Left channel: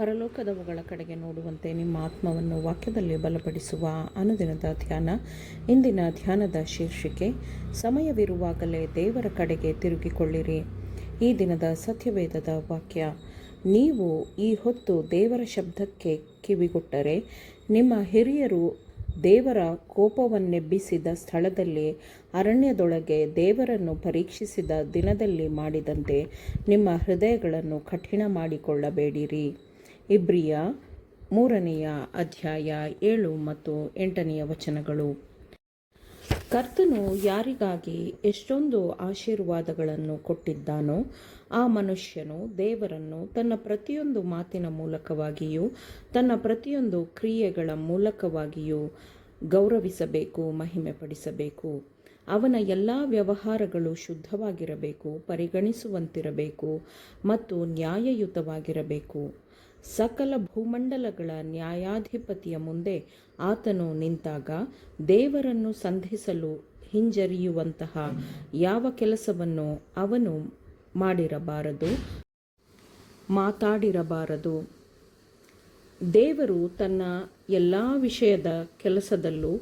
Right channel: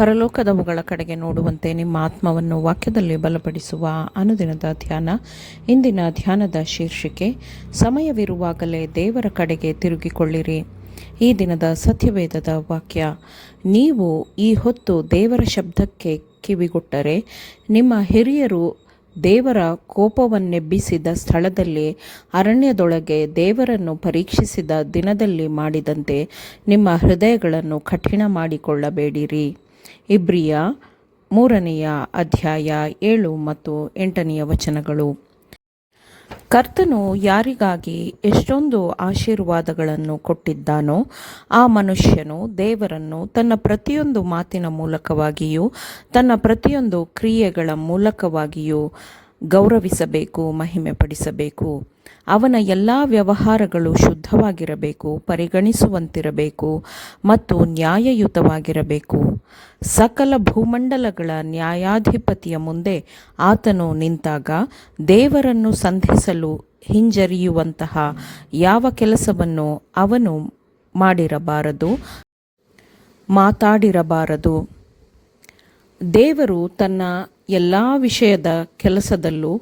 ಪರಲೋಕದವುಗಳ ಕಡೆಗೆ ನೋಡುವಂತೆ ನಿಮ್ಮ ಆತ್ಮವನ್ನು ವಾಕ್ಯದಲ್ಲಿ ಬಲಪಡಿಸುವ ಅನುದಿನದ ಧ್ಯಾನ. ಇಂದಿನ ಧ್ಯಾನದ ಶೀರ್ಷಿಕೆ, ಸಮಯವಿರುವಾಗಲೇ ದೇವರ ಕಡೆಗೆ ತಿರುಗಿಕೊಳ್ಳಿರಿ. ಈ ದಿನದ ಸತ್ಯವೇದದ ವಾಕ್ಯ, ನೀವು ಈ ಹೊತ್ತು ದೇವರ ಶಬ್ದಕ್ಕೆ ಕಿವಿಗೊಟ್ಟರೆ, ನಿಮ್ಮ ಹಿರಿಯರು ದೇವರ ಕೋಪವನ್ನೆಬ್ಬಿಸಿದ ಸ್ಥಳದಲ್ಲಿ ಅರಣ್ಯದೊಳಗೆ ದೇವರನ್ನು ಪರೀಕ್ಷಿಸಿದ ದಿನದಲ್ಲಿ ಮಾಡಿದಂತೆ ನಿಮ್ಮ ಹೃದಯಗಳನ್ನು ಕಠಿಣ ಮಾಡಿಕೊಳ್ಳಬೇಡಿರಿ. ಇಬ್ರಿಯ 3ನೇ ಅಧ್ಯಾಯ 7 ಮತ್ತು 8ನೇ ವಚನಗಳು. ಕರ್ತನು ಯಾರಿಗಾಗಿ ಎಷ್ಟೊಂದು ಆಶೀರ್ವಾದಗಳನ್ನು ಕೊಟ್ಟಿದ್ದಾನೋ ಆ ಮನುಷ್ಯನು ದೇವರನ್ನು ತನ್ನ ಪ್ರತಿಯೊಂದು ಮಾತಿನ ಮೂಲಕವಾಗಿಯೂ ತನ್ನ ಪ್ರತಿಯೊಂದು ಕ್ರಿಯೆಗಳ ಮೂಲಕವಾಗಿಯೂ ಗೌರವಿಸಬೇಕು, ಮಹಿಮೆಪಡಿಸಬೇಕು. ಅವನ ಎಲ್ಲ ವ್ಯವಹಾರಗಳು ಶುದ್ಧವಾಗಿರಬೇಕು, ಪರಿಗಣಿಸುವಂತಿರಬೇಕು ಮತ್ತು ನ್ಯಾಯಯುತವಾಗಿರಬೇಕು. ಸಕಲ ಭೂಮಂಡಲಗಳ ನ್ಯಾಯಾಧಿಪತಿಯ ಮುಂದೆ ಆತನು ನಿಂತಾಗ ದೇವರನ್ನು ಸಂಧಿಸಲು ಹಿಂಜರಿಯುವಂತಹ ಯಾವ ಕೆಲಸವನ್ನು ಅವನು ಮಾಡಿರಬಾರದು, ಮಾತಾಡಿರಬಾರದು. ದೇವರು ತನ್ನ ಎಲ್ಲ ವಿಷಯದ ಕೆಲಸದಲ್ಲೂ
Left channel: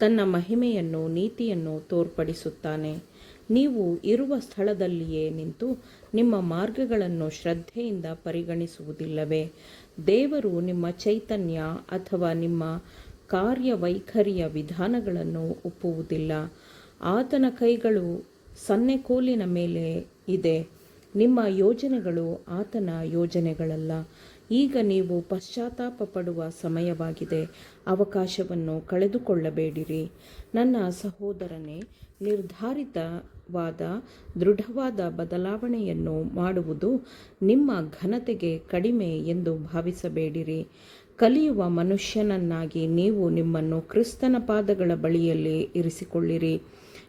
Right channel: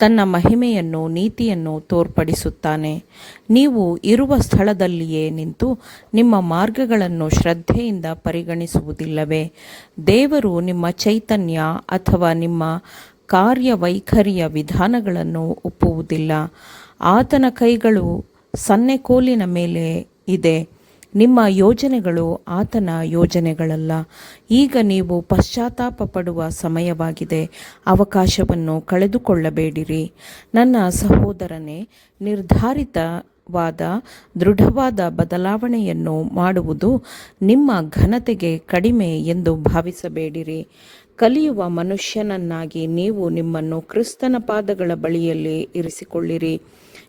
ತನ್ನ ಮಹಿಮೆಯನ್ನು, ನೀತಿಯನ್ನು ತೋರ್ಪಡಿಸುತ್ತಾನೆ. ನೀವು ಇರುವ ಸ್ಥಳದಲ್ಲಿಯೇ ನಿಂತು ನಿಮ್ಮ ಮಾರ್ಗಗಳನ್ನು ಶ್ರದ್ಧೆಯಿಂದ ಪರಿಗಣಿಸುವುದಿಲ್ಲವೇ? ದೇವರು ನಿಮ್ಮ ಚೈತನ್ಯ ಅಥವಾ ನಿಮ್ಮ ಕಾರ್ಯವೈಖರಿಯ ವಿಧಾನಗಳನ್ನು ಒಪ್ಪುವುದಿಲ್ಲ. ಆತನ ಕೈಗಳು ಸನ್ನೆಕೋಲಿನ ಮೇಲೆ ಇದೆ. ನಿಮ್ಮ ಯೋಜನೆಗಳು ಆತನ ಯೋಜನೆಗಳಲ್ಲ. ಈಗ ನೀವು ಪಶ್ಚಾತ್ತಾಪ ಪಡುವ ಸಮಯವಾಗಿದೆ. ಅವಕಾಶವನ್ನು ಕಳೆದುಕೊಳ್ಳಬೇಡಿರಿ. ನನ್ನ ಸಹೋದರನೇ, ನಿರ್ಧಾರಿತವಾದ ದೃಢವಾದ ಬದಲಾವಣೆಯನ್ನು ಮಾಡುವುದು ನಿಮ್ಮ ಘನತೆಗೆ ಕಡಿಮೆ ಎಂದು ಭಾವಿಸಬೇಡಿರಿ. ಕಲಿಯುವ ಮನುಷ್ಯನನ್ನಾಗಿ ನೀವು ನಿಮ್ಮನ್ನು ಕ್ರಿಸ್ತನ ಪಾದಗಳ ಬಳಿಯಲ್ಲಿ ಇರಿಸಿಕೊಳ್ಳಿರಿ.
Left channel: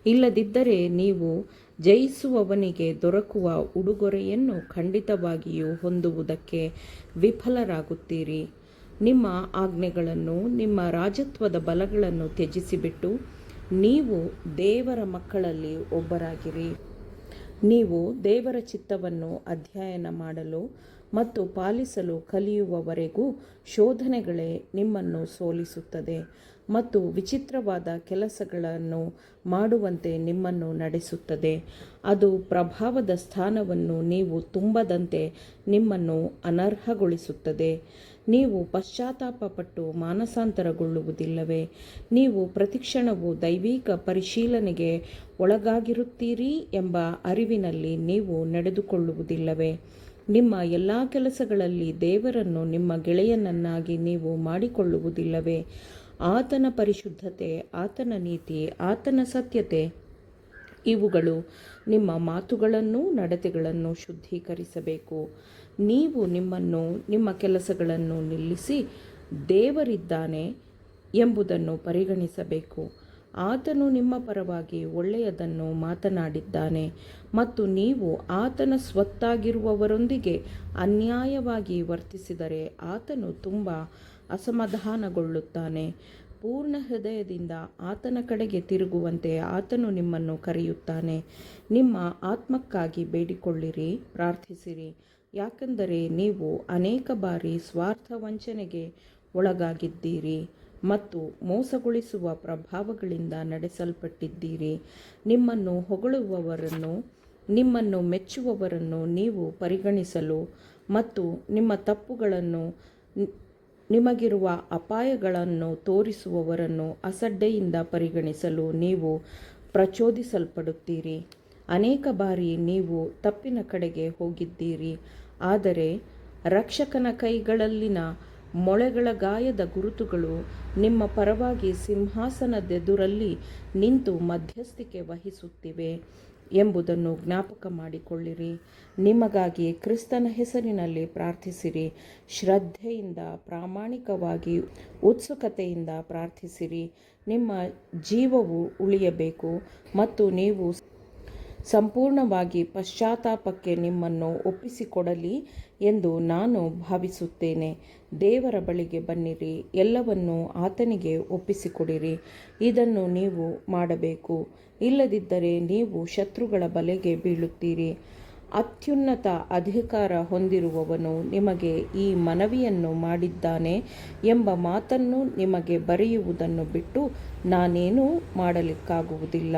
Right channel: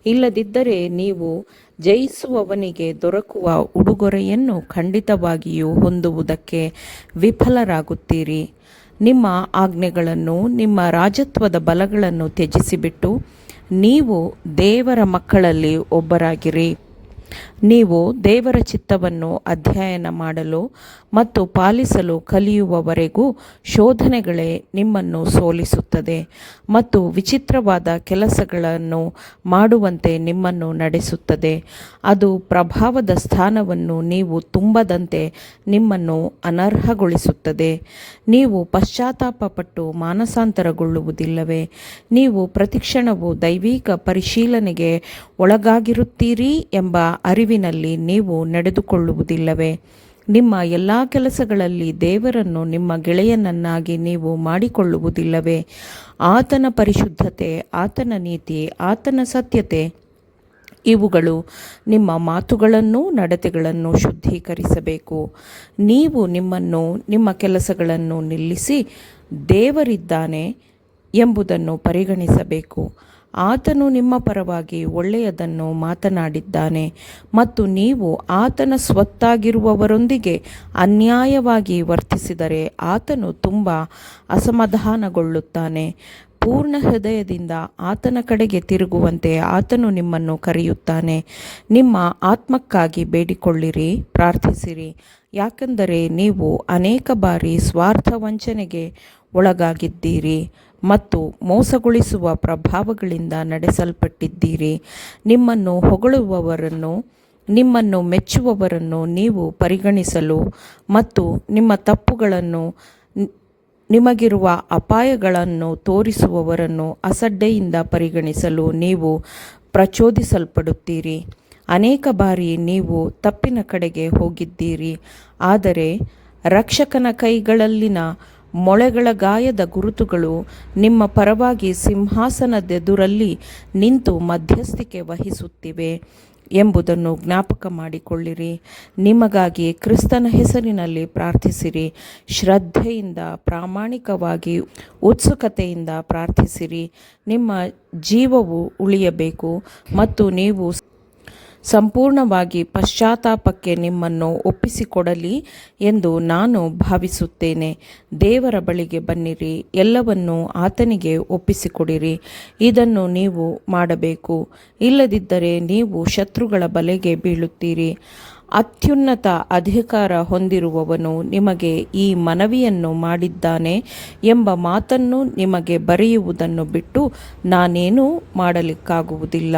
ಇಲ್ಲದಿದ್ದರೆ ನೀವು ಜಯಿಸುವವನಿಗೆ ದೊರಕುವ ಉಡುಗೊರೆಯನ್ನು ಖಂಡಿತವಾಗಿಯೂ ಹೊಂದುವುದಕ್ಕೆ ವಿಫಲರಾಗುತ್ತೀರಿ. ನಿಮ್ಮ ಆಜ್ಞೆಗಳನ್ನು, ನಿಮ್ಮ ರಾಜತ್ವದ ಬಲಗಳನ್ನು ತ್ಯಜಿಸಿಬಿಟ್ಟು ನೀವು ದೇವರ ಮಕ್ಕಳಲ್ಲಿ ಒಬ್ಬರಾಗಿರಿ. ನೀವು ದೇವರ ಚಿತ್ತವನ್ನು ಅಧ್ಯಯನ ಮಾಡಲು ಮತ್ತು ಪಾಲಿಸಲು ಕಲಿಯುವವರೆಗೂ ಶೋಧನೆಗಳೇ ನಿಮ್ಮನ್ನು ಸೋಲಿಸುತ್ತದೆ ಮತ್ತು ವಿಚಿತ್ರವಾದ ಕೆಲಸಗಳನ್ನು ಮಾಡುವಂತೆ ನಿಮ್ಮನ್ನು ನಡೆಸುತ್ತದೆ. ಅದು ಪ್ರಭಾವದ ಸ್ಥಾನವನ್ನು ನೀವು ತುಂಬದಂತೆ ನಿಮ್ಮನ್ನು ಅನರ್ಹಗೊಳಿಸುತ್ತದೆ. ನೀವು ಪಶ್ಚಾತ್ತಾಪಪಟ್ಟು ಮಾನಸಾಂತರಗೊಳ್ಳುವುದಿಲ್ಲವೇ? ನೀವು ಪ್ರತಿಕ್ಷಣವೂ ದೈವಿಕ ಪರಿಶೀಲನೆಗೆ ಒಳಗಾಗಿರುತ್ತೀರಿ ಎಂಬ ಅರಿವಿನಲ್ಲಿ ನೀವು ನಡೆದುಕೊಳ್ಳುವುದಿಲ್ಲವೇ? ನಿಮ್ಮ ಎಲ್ಲ ಕೆಲಸಗಳಲ್ಲಿ ದೇವರನ್ನು ನಿಮ್ಮ ಗೆಳೆಯನನ್ನಾಗಿ ನೀವು ಮಾಡಿಕೊಳ್ಳುವುದಿಲ್ಲವೇ? ಆತನ ಪರಿಶುದ್ಧತೆ, ಆತನ ನೀತಿ, ಆತನ ಸತ್ಯತೆ ಇವುಗಳು ನಿಮ್ಮ ಮಾತುಗಳನ್ನು, ನಡತೆಗಳನ್ನು ಶುದ್ಧೀಕರಿಸಬೇಕು. ನೀವು ನಿಮ್ಮನ್ನು, ನಿಮ್ಮ ಕೆಲಸಗಳನ್ನು ನಿಲ್ಲಿಸಿ ದೇವರಿದ್ದಾನೆ ಎಂಬುದನ್ನು ಪರಿಗಣಿಸಬೇಕು. ಆತನು ನಿಮ್ಮ ಪರವಾಗಿ ಒಳ್ಳೆಯದನ್ನು ಮಾತನಾಡಿದ್ದಾನೆ ಮತ್ತು ನೀವು ಆತನ ಸ್ವತ್ತಾಗಿರುವವರೊಂದಿಗೆ ಅನ್ಯಾಯವಾಗಿ ವರ್ತಿಸಿದರೆ ಆತನು ತುಂಬ ಅಸಮಾಧಾನಗೊಳ್ಳುತ್ತಾನೆ. ಪೂರ್ಣ ಹೃದಯದಿಂದ ಆತನ ಕಡೆಗೆ ತಿರುಗುವಂತೆ ಆತನು ನಿಮ್ಮನ್ನು ಕರೆಯುತ್ತಾನೆ. ನಿಮ್ಮ ಆತ್ಮಕ್ಕಾಗಿ ಬೇಡಿಕೊಳ್ಳಿರಿ, ಪ್ರಾರ್ಥಿಸಿರಿ. ಯಾಕೆಂದರೆ ನೀವು ಅನೇಕ ಬಾರಿ ಸ್ವಾರ್ಥ ವಂಚನೆಗೆ ಒಳಗಾಗಿದ್ದೀರಿ ಮತ್ತು ಮೋಸಗೊಳಿಸುವ ಪ್ರಭಾವಗಳಿಂದ ನಡೆಸಲ್ಪಟ್ಟಿದ್ದೀರಿ. ನಿಮ್ಮನ್ನು ಹೊಗಳುವವರನ್ನು, ನಿಮ್ಮನ್ನು ಮೆಚ್ಚುವವರನ್ನು ನೀವು ಪರಿಗಣಿಸಲು ಮತ್ತು ನಿಮ್ಮ ತಪ್ಪುಗಳನ್ನು, ನಿಮಗಿರುವ ಅಪಾಯಗಳನ್ನು ತೋರಿಸುವವರನ್ನು ಅಸಡ್ಡೆಯಿಂದ ಪರಿಗಣಿಸಲು ನೀವು ಪ್ರಚೋದಿಸಲ್ಪಡುತ್ತೀರಿ. ಅನೇಕ ಬಾರಿ ನೀವು ತಪ್ಪಿನ ಕಡೆಗೆ ಹೋಗಿದ್ದೀರಿ, ಆದರೆ ರಕ್ಷಕನ ಕೈಗಳಲ್ಲಿನ ಮೊಳೆಗಳ ಗಾಯದ ಗುರುತುಗಳು ನಿಮ್ಮ ಪರವಾಗಿ ಸಿಂಹಾಸನದೆದುರಲ್ಲಿ ನಿಂತು ಮಧ್ಯಸ್ಥಿಕೆ ವಹಿಸುತ್ತಿವೆ ಎಂಬುದನ್ನು ಜ್ಞಾಪಕ ಮಾಡಿಕೊಳ್ಳಿರಿ. ನಿಮಗಾಗಿ ಕ್ರಿಸ್ತನ ಹೆಸರಿನಲ್ಲಿ ಪ್ರಾರ್ಥಿಸಿರಿ. ಶ್ರದ್ಧೆಯಿಂದ, ಪ್ರಾಮಾಣಿಕವಾಗಿ, ಉತ್ಸುಕತೆಯಿಂದ ಪ್ರಾರ್ಥಿಸಿರಿ. ನಿಮ್ಮ ಜೀವವು ಉಳಿಯಬೇಕು ಮತ್ತು ನೀವು ಸಂಪೂರ್ಣವಾಗಿ ಪಶ್ಚಾತ್ತಾಪಕ್ಕೆ ನಿಮ್ಮನ್ನು ಒಪ್ಪಿಸಿಕೊಡಲಿ ಎಂದು ನಾನು ಭಾವಿಸುತ್ತೇನೆ. ದೇವರ ಬಳಿಗೆ ಬನ್ನಿರಿ, ಎಲ್ಲವನ್ನೂ ಆತನಿಗೆ ಒಪ್ಪಿಸಿಕೊಡಿರಿ. ಇದನ್ನು ನೀವು ಮಾಡಬೇಕು. ಇಲ್ಲದಿದ್ದರೆ ನೀವು ಶತ್ರುಗಳ ಬಲೆಗೆ ಬೀಳುತ್ತೀರಿ. ಅತ್ಯುನ್ನತ ಅಧಿಕಾರ ಹೊಂದಿರುವವನು ನಿಮಗೆ ಈ ಮನವಿಯನ್ನು ಮಾಡಿದ್ದಾನೆ ಎಂಬ ಮಾತನ್ನು ನಿಮಗೆ ಬರೆಯುವುದನ್ನು ಬಿಟ್ಟು ನಾನೇನೂ ಮಾಡಲಿಕ್ಕಾಗುವುದಿಲ್ಲ.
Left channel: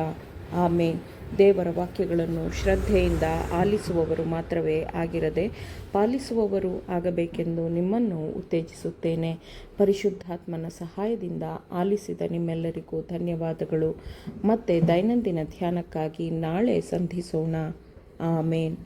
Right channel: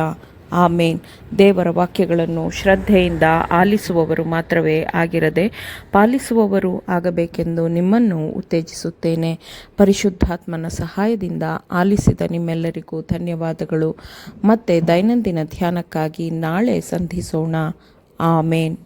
ಆಮೇನ್. ದೇವರ ವಾಕ್ಯಗಳನ್ನು ಶ್ರದ್ಧೆಯಿಂದ ಆಲಿಸುವವರು ಮಾತ್ರವೇ ಆಗಿರದೆ ಪಾಲಿಸುವವರು ಆಗಬೇಕೆಂದು ನಿಮ್ಮನ್ನು ಉತ್ತೇಜಿಸುತ್ತೇನೆ. ಪರಿಶುದ್ಧಾತ್ಮನ ಸಹಾಯದಿಂದ ಆಲಿಸಿದ ನಿಮ್ಮೆಲ್ಲರಿಗೂ ಧನ್ಯವಾದಗಳು. ಮತ್ತೆ ದೈನಂದಿನ ಧ್ಯಾನಕ್ಕಾಗಿ ನಾಳೆ ಸಂಧಿಸೋಣ. ಆಮೇನ್.